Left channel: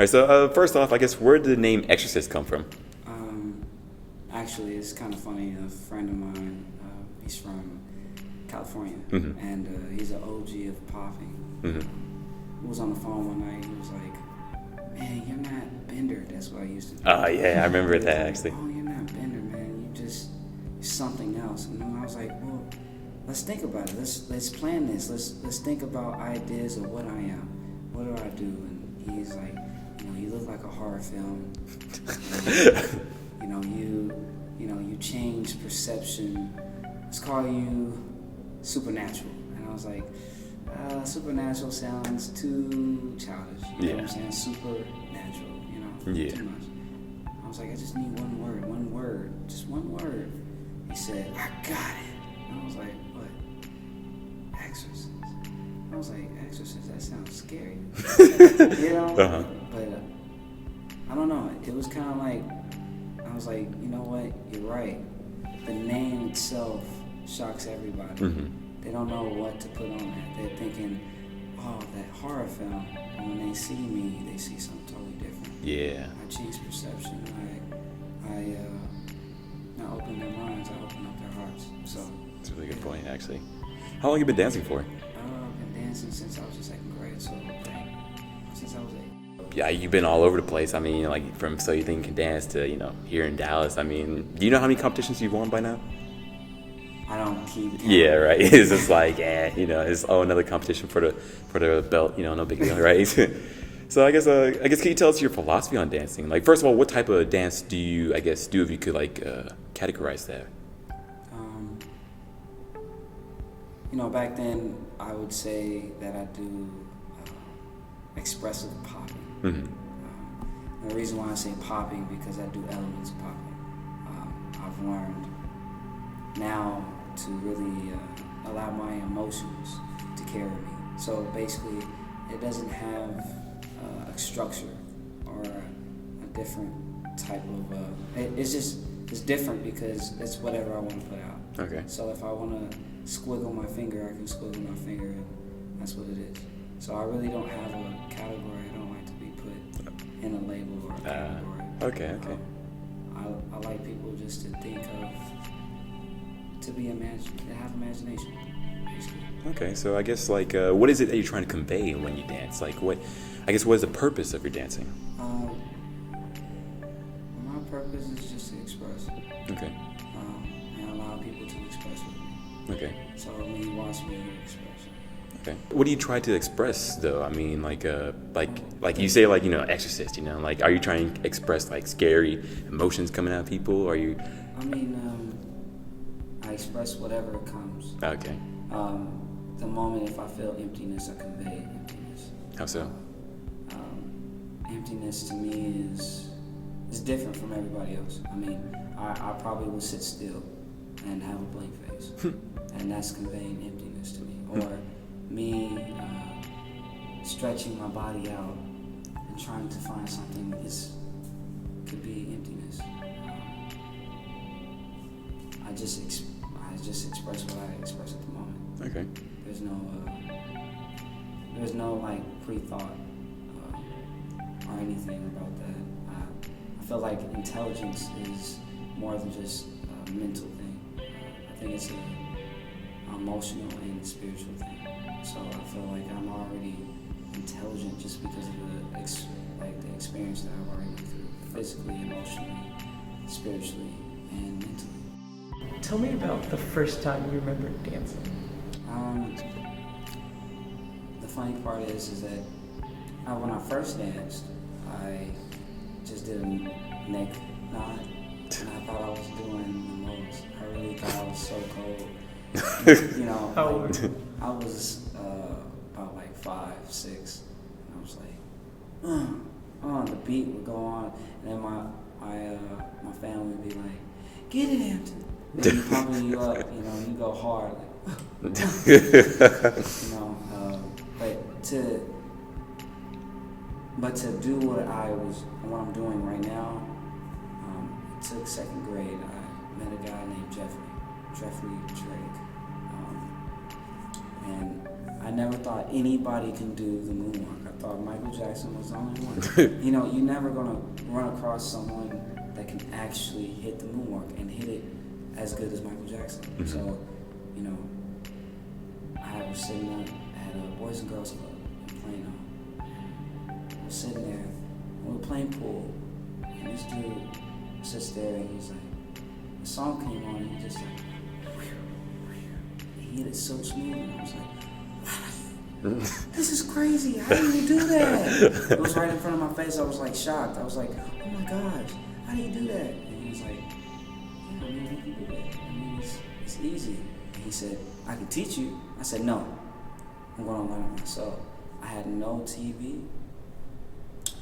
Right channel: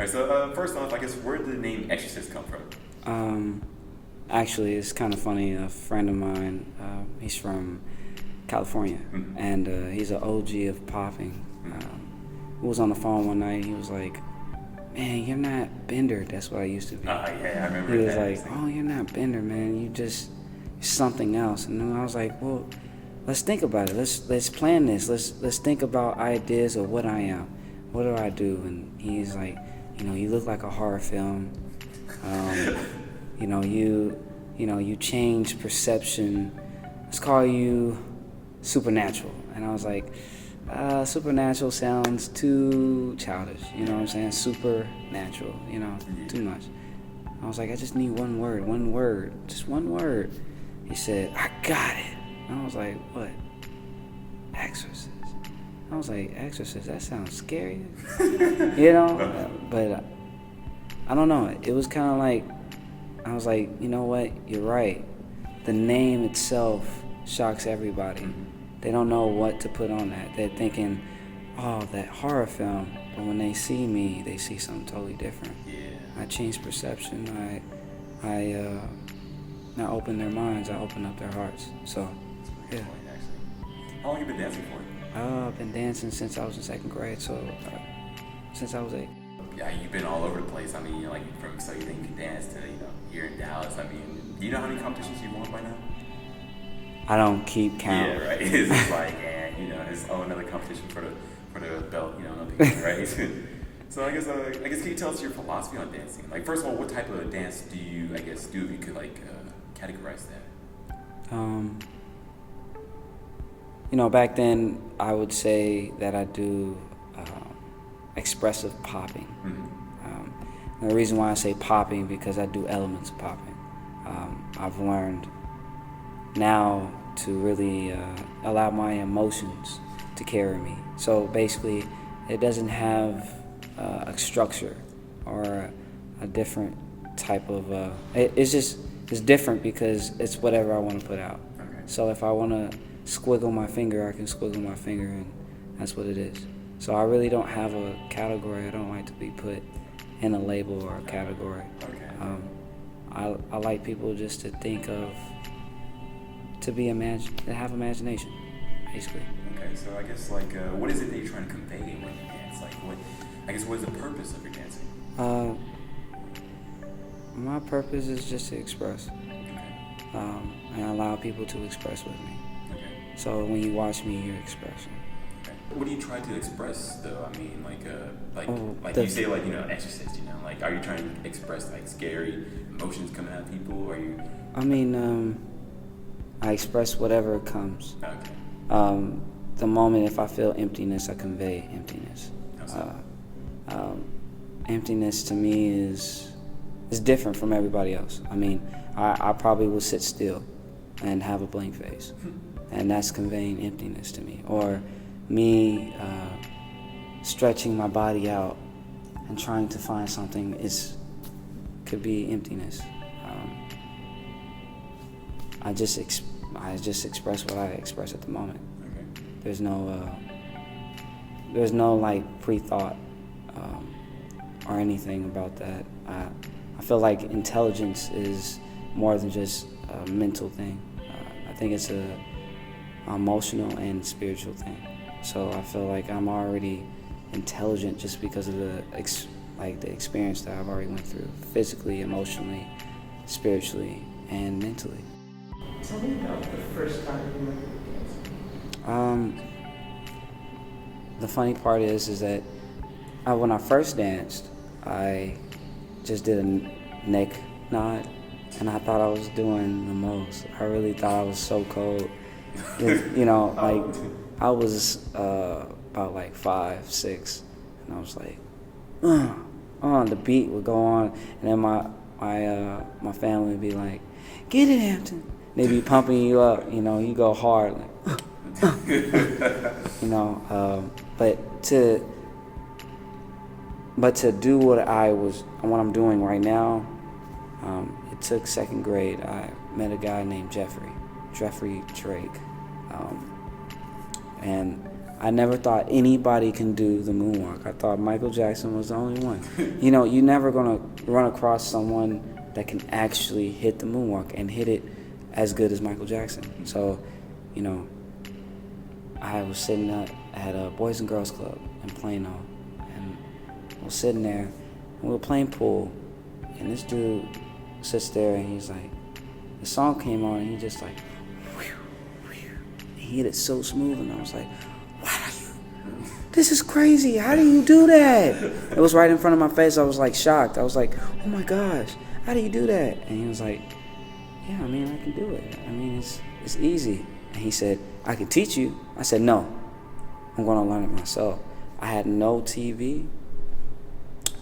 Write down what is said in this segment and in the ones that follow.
right, so first off, I guess, where did the name Xcercist come from? Actually, it's kind of funny. A friend of mine, he's from California, and he's an OG of popping. We was on the phone one night. He was like, "Man, you're not Bender." That's what I used to be. Oh yeah, I remember he that. Was like, "Oh, you're not Bender, man. You're something else." And then I was like, "Well, let's think about it. Let's plan this. Let's think about ideas of what I am. What do I do?" And he's like, "You look like a horror film. You change perception. Let's call you Supernatural." And I was like, Supernatural sounds too childish. You know what I'm saying? Supernatural, too much. I was like, I just need one word, just one word. He said, "I got it." And I was like, "What?" "Exorcist." I was like, "Exorcist? That sounds scary." But I don't know. It was kind of like, I was like, you know what? You're right. The name itself shocks everybody. They don't know what to put on that. They're thinking, "Oh, that horror film." But when they see me, they see something totally different. Yeah. I change perception. I open their minds. I open up their hearts. So. That's a really good point, actually. How long have you been dancing for? I've been dancing since I was in second grade. So, since I was 8. Yeah, you've been all over the place. I mean, like from So You Think You Can Dance to, here in Dallas. I mean, do you know how many competitions you've won by now? I don't keep count. Yeah, right. It's just like, it's another competition for the belt. No big deal, right? So I guess can you tell us your philosophy on dancing? Like, first of all, what type of dance do you, do if you could categorize that? Back then I would say that I do expressive popping. The reason why I say popping because I do elements of popping. I've learned now to really allow my emotions to carry me. So basically, it doesn't have a structure or a different type of. It's different because it's whatever I want to put out. Okay. So if I want to squiggle my finger, I can squiggle my finger, and that's what it is. So I really don't have a category. I don't like to be put in a label or a category. Okay. I like people just to think of, to have imagination, basically. Okay, so I guess what is it that you're trying to convey when you dance? What is the purpose of your dancing? My purpose is just to express. Okay. And allow people to express with me. Okay. So when you watch me, you're expressing. Okay. What do you try to express though? I mean, you say, Exorcist. Are you trying to express scary emotions coming out of people, or are you? I mean, I express whatever comes. Okay. The moment if I feel emptiness, I convey emptiness. How so? Emptiness to me is different from everybody else. I mean, I probably will sit still and have a blank face, and that's conveying emptiness to me. Or me stretching my body out and trying to find something could be emptiness. I just express what I express at the moment. Okay. There's no pre-thought or anything about that. I feel like intelligence is more than just a mental thing. I think it's a emotional and spiritual thing. So I feel like I'm already intelligent just because of the experience that I've already went through, physically, emotionally, spiritually, and mentally. Tell me about the first time you remember dancing. The funny part is that when I first danced, I just did a neck nod, and I thought I was doing the most. I really thought I was so cold. I was about 5, 6, and I was like, the beat would go on, and then my family would be like, "Get it, Hampton." They'd be pumping you up, you go hard, but to do what I'm doing right now, it took second grade. I met a guy named Jeffrey Drake, and I never thought anybody can do the moonwalk. I thought Michael Jackson was the only one. You know, you're never gonna run across someone that can actually hit the moonwalk and hit it as good as Michael Jackson. Mm-hmm. So, you know, I was sitting at a Boys and Girls Club in Plano, and I was sitting there, and we were playing pool, and this dude sits there, and he's like, the song came on, and he just like, he hit it so smooth, and I was like, this is crazy. How do you do that? It was right in front of my face. I was like shocked. I was like, oh my gosh, how do you do that? And he was like, yeah, I mean, I can do it. I mean, it's easy. And he said, I can teach you. I said, no, I'm going to learn it myself. I had no TV.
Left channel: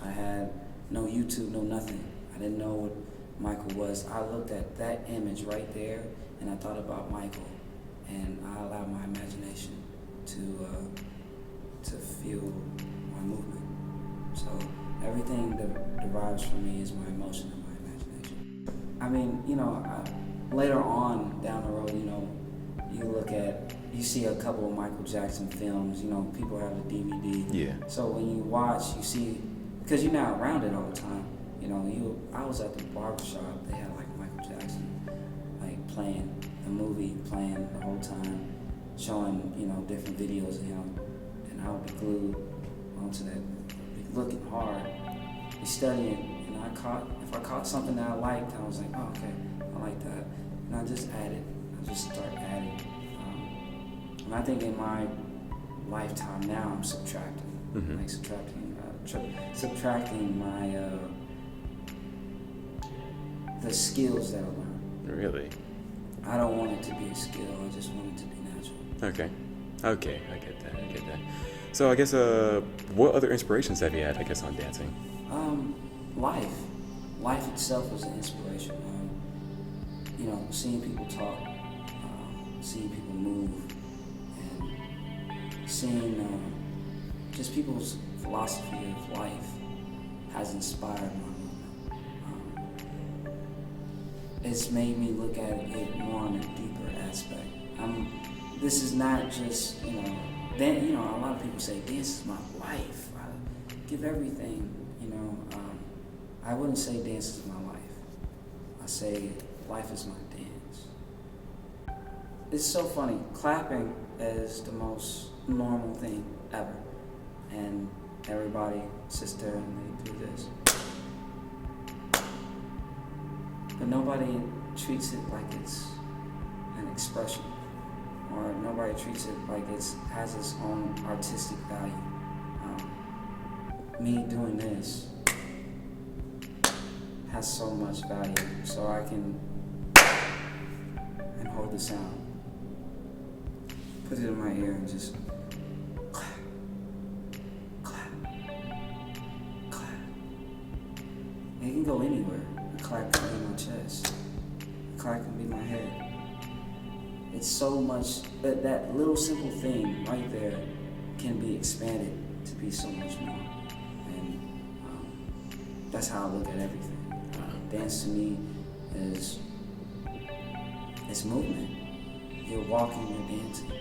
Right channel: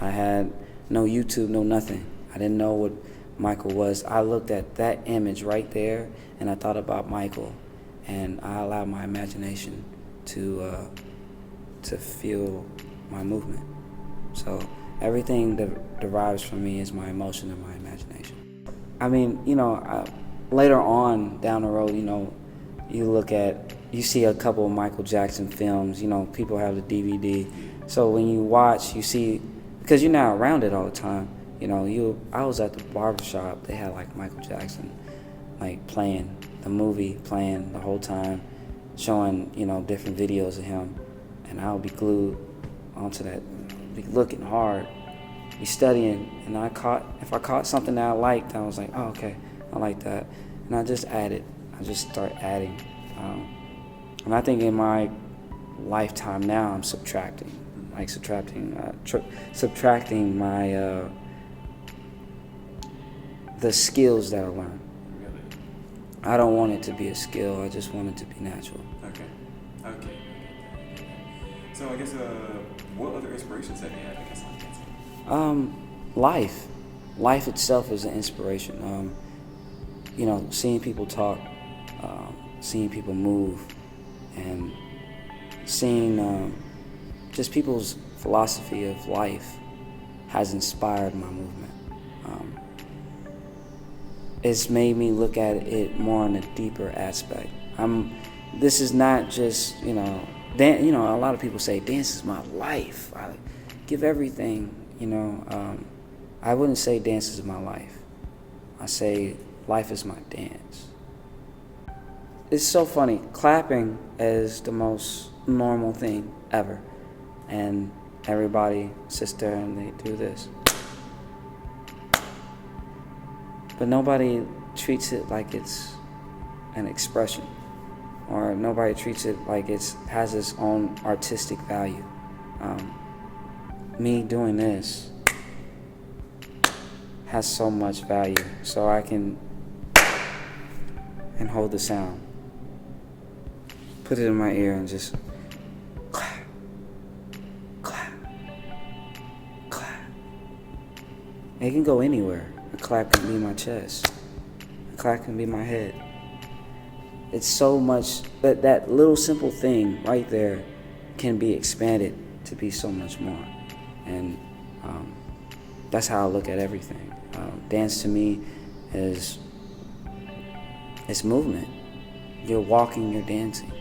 I had no YouTube, no nothing. I didn't know what Michael was. I looked at that image right there, and I thought about Michael, and I allowed my imagination to feel my movement. So everything that derives from me is my emotion and my imagination. I mean, you know, later on down the road, you know, you see a couple of Michael Jackson films, you know, people have the DVD. Yeah. So when you watch, you see, because you're not around it all the time, you know, I was at the barbershop, they had like Michael Jackson, like playing the movie, playing the whole time, showing, you know, different videos of him, and I would be glued onto that, be looking hard, be studying, and if I caught something that I liked, I was like, oh, okay, I like that, and I just start adding, and I think in my lifetime now, I'm subtracting, mm-hmm. like subtracting my, the skills that I learned. Really? I don't want it to be a skill, I just want it to be natural. Okay, I get that. So I guess, what other inspirations have you had, I guess, on dancing? Life itself is an inspiration. You know, seeing people talk, seeing people move, and seeing just people's philosophy of life has inspired my movement. It's made me look at it more on a deeper aspect. This is not just, you know, a lot of people say dance is my life. I give everything, you know. I wouldn't say dance is my life. I say life is my dance. It's so funny. Clapping is the most normal thing ever. And everybody sits there and they do this. But nobody treats it like it's an expression, or nobody treats it like it has its own artistic value. Me doing this has so much value, so I can and hold the sound, put it in my ear, and just clap, clap, clap. It can go anywhere. A clap can be my chest. A clap can be my head. It's so much that little simple thing right there can be expanded to be so much more. And that's how I look at everything. Dance to me is movement. You're walking, you're dancing.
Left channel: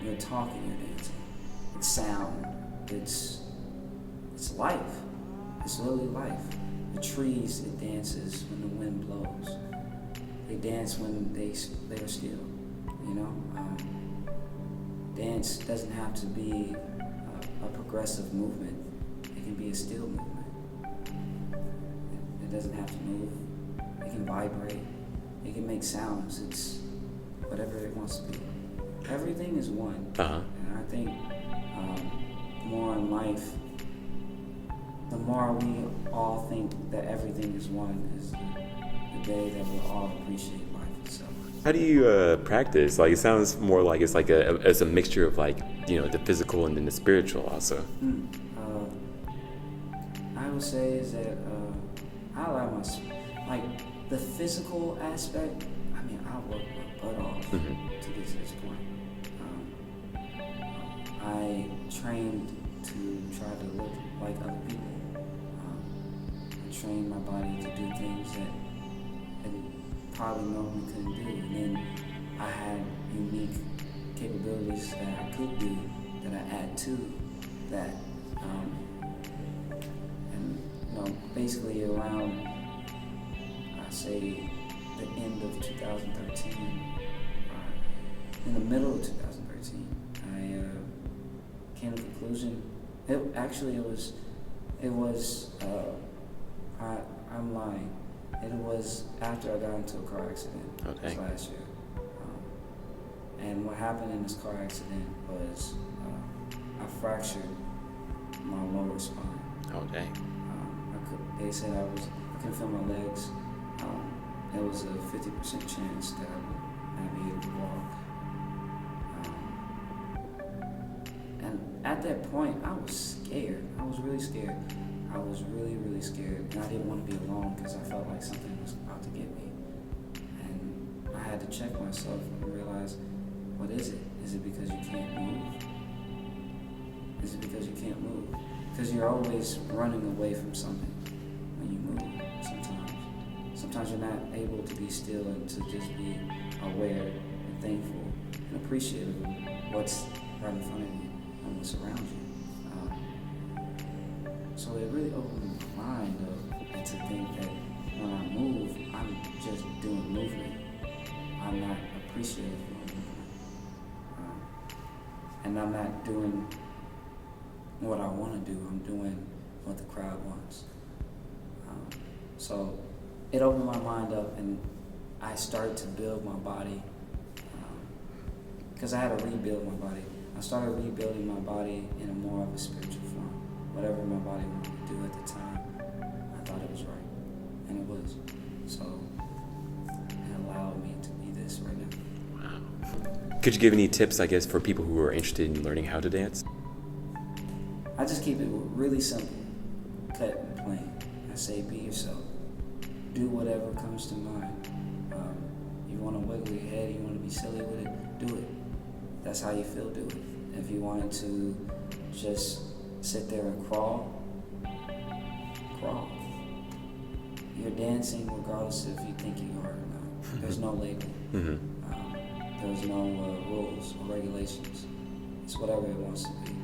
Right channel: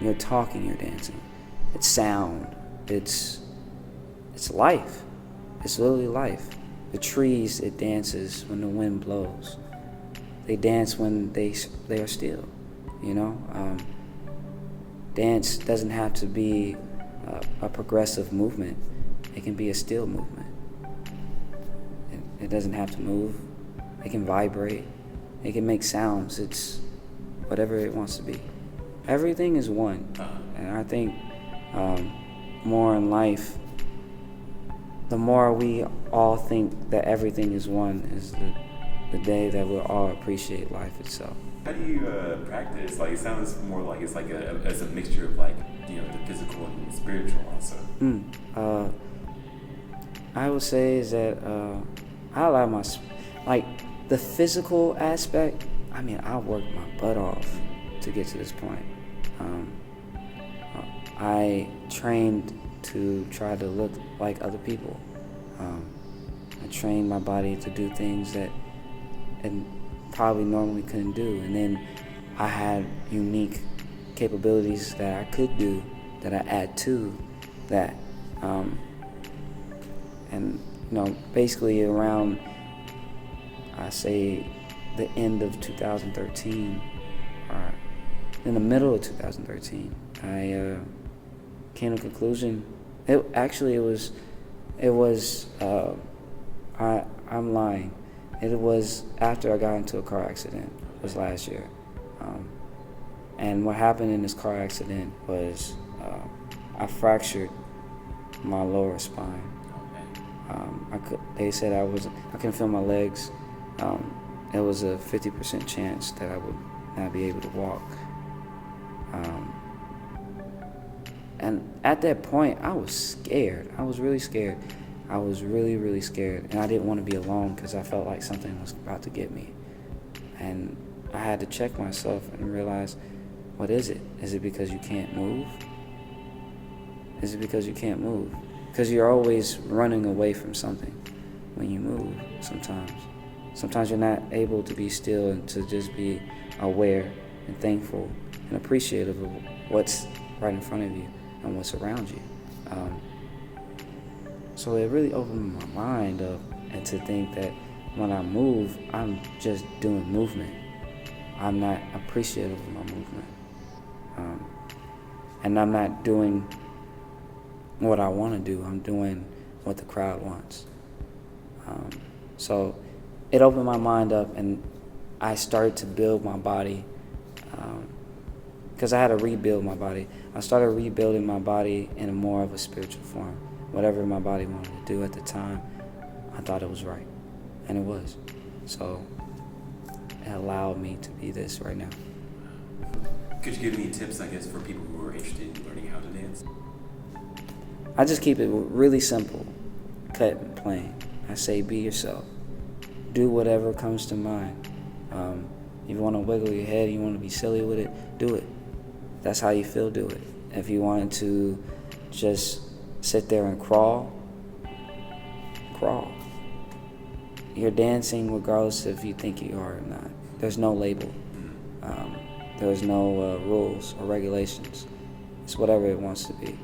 You're talking, you're dancing. It's sound. It's life. It's literally life. The trees, it dances when the wind blows. They dance when they are still, you know? Dance doesn't have to be a progressive movement. It can be a still movement. It doesn't have to move. It can vibrate. It can make sounds. It's whatever it wants to be. Everything is one. Uh-huh. And I think more in life, the more we all think that everything is one is the day that we'll all appreciate life itself. How do you practice? Like, it sounds more like it's like it's a mixture of, like, you know, the physical and then the spiritual also. I would say is that I allow like the physical aspect. I mean, I worked my butt off to get to this point. I trained to try to look like other people. I trained my body to do things that and probably normally couldn't do. And then I had unique capabilities that I could do that I add to that. And basically around, I say, the end of 2013, or in the middle of 2013, I came to a conclusion. I'm lying. It was after I got into a car accident. Okay. It was last year. And what happened in this car accident was I fractured my lower spine. Oh, dang. They said I couldn't feel my legs. It was a 50% chance that I would not be able to walk. And at that point, I was scared. I was really scared. I was really, really scared. And I didn't want to be alone because I felt like something was about to get me. And I had to check myself and realize, what is it? Is it because you can't move? Is it because you can't move? Because you're always running away from something when you move sometimes. Sometimes you're not able to be still and to just be aware and thankful and appreciative of what's right in front of you and what's around you. So it really opened my mind up, and to think that when I move, I'm just doing movement. I'm not appreciative of my movement. And I'm not doing what I want to do. I'm doing what the crowd wants. So it opened my mind up, and I started to build my body, because I had to rebuild my body. I started rebuilding my body in a more of a spiritual form. Whatever my body wanted to do at the time, I thought it was right, and it was. So it allowed me to be this right now. Wow. Could you give any tips, I guess, for people who are interested in learning how to dance? I just keep it really simple, cut and plain. I say, be yourself. Do whatever comes to mind. If you want to wiggle your head, you want to be silly with it, do it. That's how you feel, do it. If you wanted to just sit there and crawl, crawl. You're dancing regardless if you think you are or not. There's no label. Mm-hmm. There's no rules or regulations. It's whatever it wants to be.